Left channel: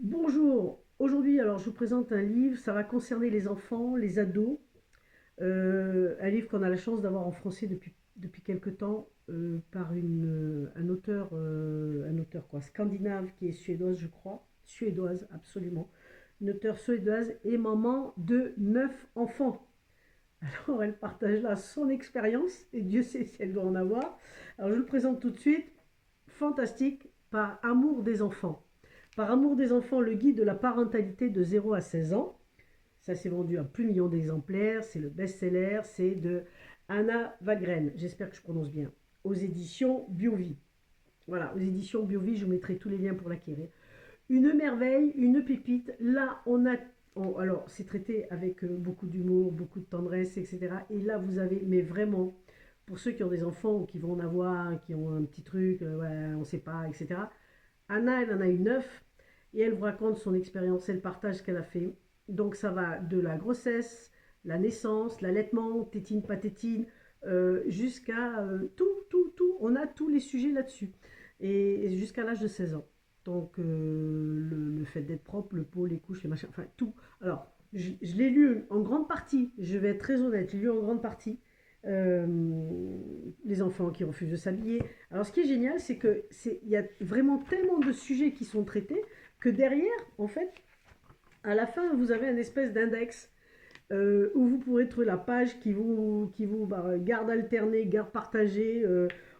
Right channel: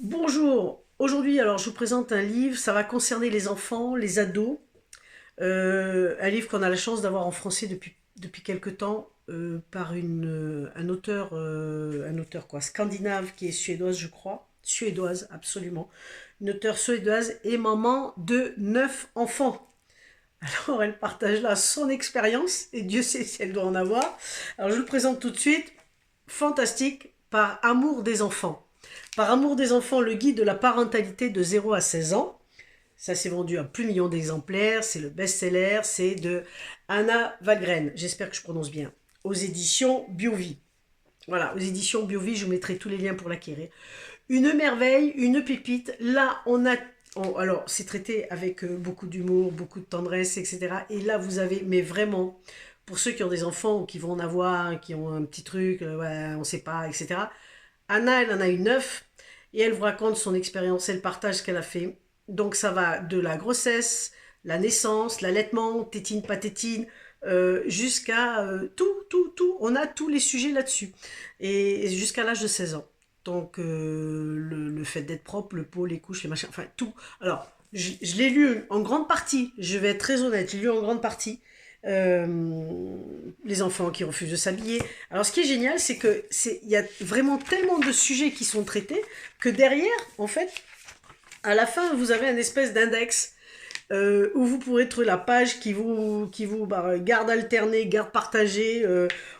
Bonjour, aujourd'hui alors je vous présente un livre, ça va concerner les enfants, les ados, un livre qu'on a la chance d'avoir en français depuis quelque temps par un auteur quoi, scandinave qui est suédoise je crois, suédoise absolument, une auteure suédoise et maman de 9 enfants. Alors elle partage là son expérience et Dieu sait si elle doit en avoir. Alors je vous le présente tout de suite, fantastique, par amour des enfants. Par amour des enfants, le guide de la parentalité de 0 à 16 ans. Ça s'est vendu à plus de millions d'exemplaires. C'est le best-seller. C'est de Anna Valgren. J'espère que je prononce bien. Aux éditions Biovie. Voilà, aux éditions Biovie, je vous mettrai tous les liens pour l'acquérir. Une merveille, une pépite. Là, alors, c'est traité avec beaucoup d'humour, beaucoup de tendresse, etc. Et là, vous avez, mais vraiment, pour ceux qui ont des enfants ou qui vont en avoir, qui ont un petit truc, ouais, on ne sait pas, etc. Anna, elle en a eu 9 et elle vous raconte son expérience, elle partage ce qu'elle a fait. Donc ça va de la grossesse, la naissance, l'allaitement, tétine, pas tétine, jusqu'à tout. On a tous les sujets là-dessus. Et jusqu'à l'âge de 16 ans. Donc le fait d'être propre, le pot, les couches, les machins, enfin tout. Alors, je l'ai lu en grande partie, je vais être très honnête, j'ai lu en grande partie. Euh, les enfants qui refusent de s'habiller. Alors ce qui est génial, c'est que il y a vraiment tellement de sujets qui sont traités que derrière, en fait, à la fin, vous avez un espèce d'index où vous pourrez trouver la page qui vous garde alternée, garde partagée.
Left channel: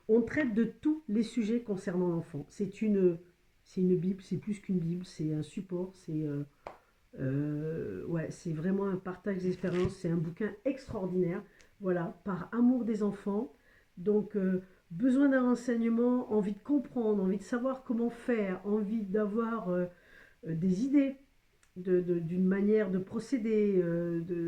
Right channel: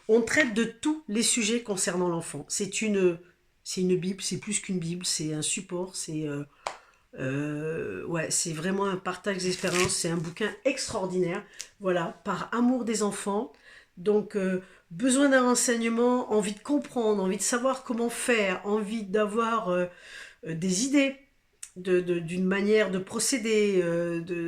On traite de tous les sujets concernant l'enfant. C'est une bible, c'est plus qu'une bible, c'est un support, ouais, c'est vraiment un partage d'expérience. C'est un bouquin extraordinaire. Voilà, par amour des enfants. Donc, besoin d'un renseignement, envie de comprendre, envie de savoir comment faire, envie d'avoir des idées d'une manière de procéder.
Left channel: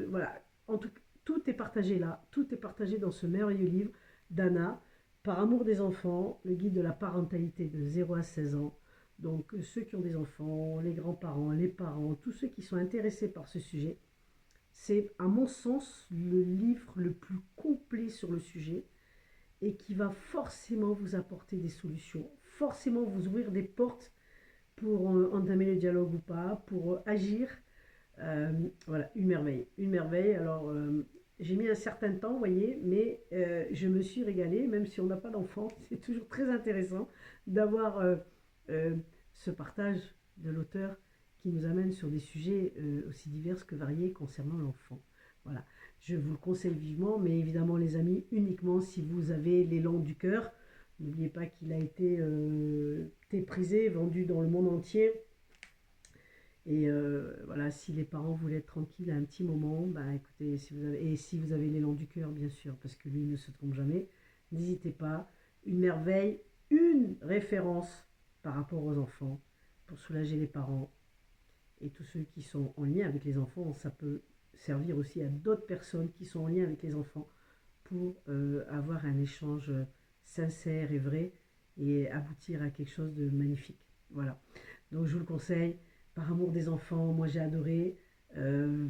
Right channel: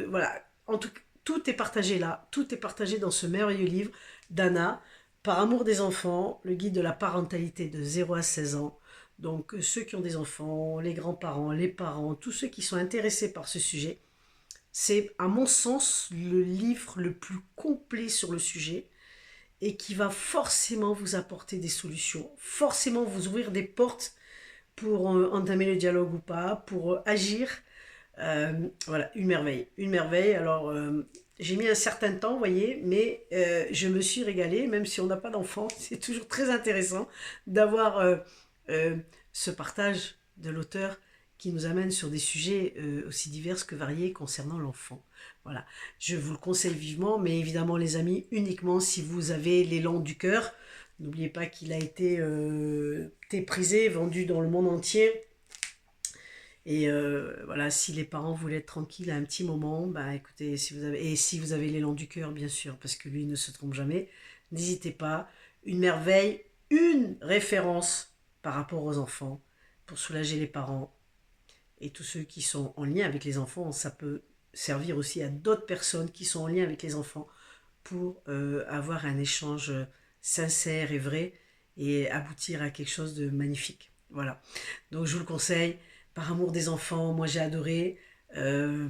Voilà. En tout est partagé là. Tout est partagé dans ce merveilleux livre d'Anna, Par amour des enfants, le guide de la parentalité de 0 à 16 ans. Donc ceux qui ont des enfants, les grands-parents, les parents, tous ceux qui sont intéressés par ce sujet, c'est à mon sens le livre le plus complet sur le sujet et qui va forcément vous apporter des solutions, forcément vous ouvrir des portes pour entamer le dialogue ou pas, pour agir. Voilà, une merveille, une merveille. Alors j'ai mis un certain temps, vous voyez, mais je me suis régalée, même si on n'a pas d'enfant. C'est toujours très intéressant d'avoir euh, ce partage de l'auteur qui nous amène sur des sujets aussi divers que variés concernant l'enfant. Voilà, je vous le conseille vivement, mais évidemment les amis, uniquement si vous avez l'élan du cœur. N'oubliez pas qu'il a été prisé, vendu dans le monde entier. Et voilà, si les parents voulaient être tranquilles à un petit moment, bah écoutez, si vous avez l'élan du cœur, bien sûr, parce que lui ne se trompe jamais, n'hésitez pas. Une merveille, une référence par rapport aux enfants pour soulager les parents et tous ceux qui sont en lien avec les enfants. Ça peut servir aussi à d'autres personnes qui sont en lien avec les enfants pour avoir un échange sincère et vrai et aboutir à quelque chose de magnifique. Voilà. Donc je vous le conseille, par amour des enfants, moi j'ai adoré. Euh,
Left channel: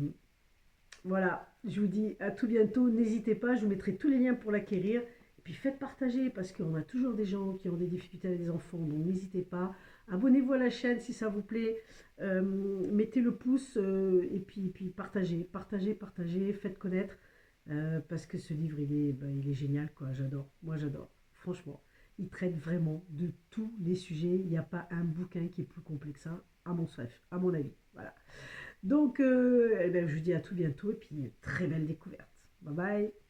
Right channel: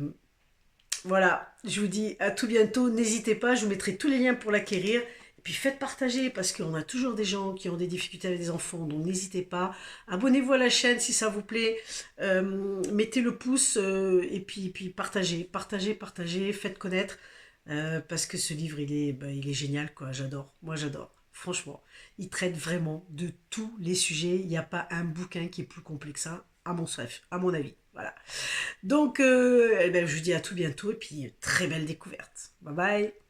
voilà, je vous dis à tout bientôt. N'hésitez pas, je vous mettrai tous les liens pour l'acquérir. Et puis faites partager parce qu'on a toujours des gens qui ont des difficultés avec des enfants. Donc n'hésitez pas. Abonnez-vous à la chaîne si ça vous plaît. Mettez le pouce et puis partagez, partagez, partagez. Faites connaître. Parce que ce livre, il est génial, quoi. J'adore. Moi, j'adore. Franchement, il traite vraiment de tous les sujets. Il n'y a pas un bouquin qui est plus complet que ça, à mon avis. Voilà. Donc, eh ben, je vous dis à tout bientôt et puis très belle découverte. Bye bye.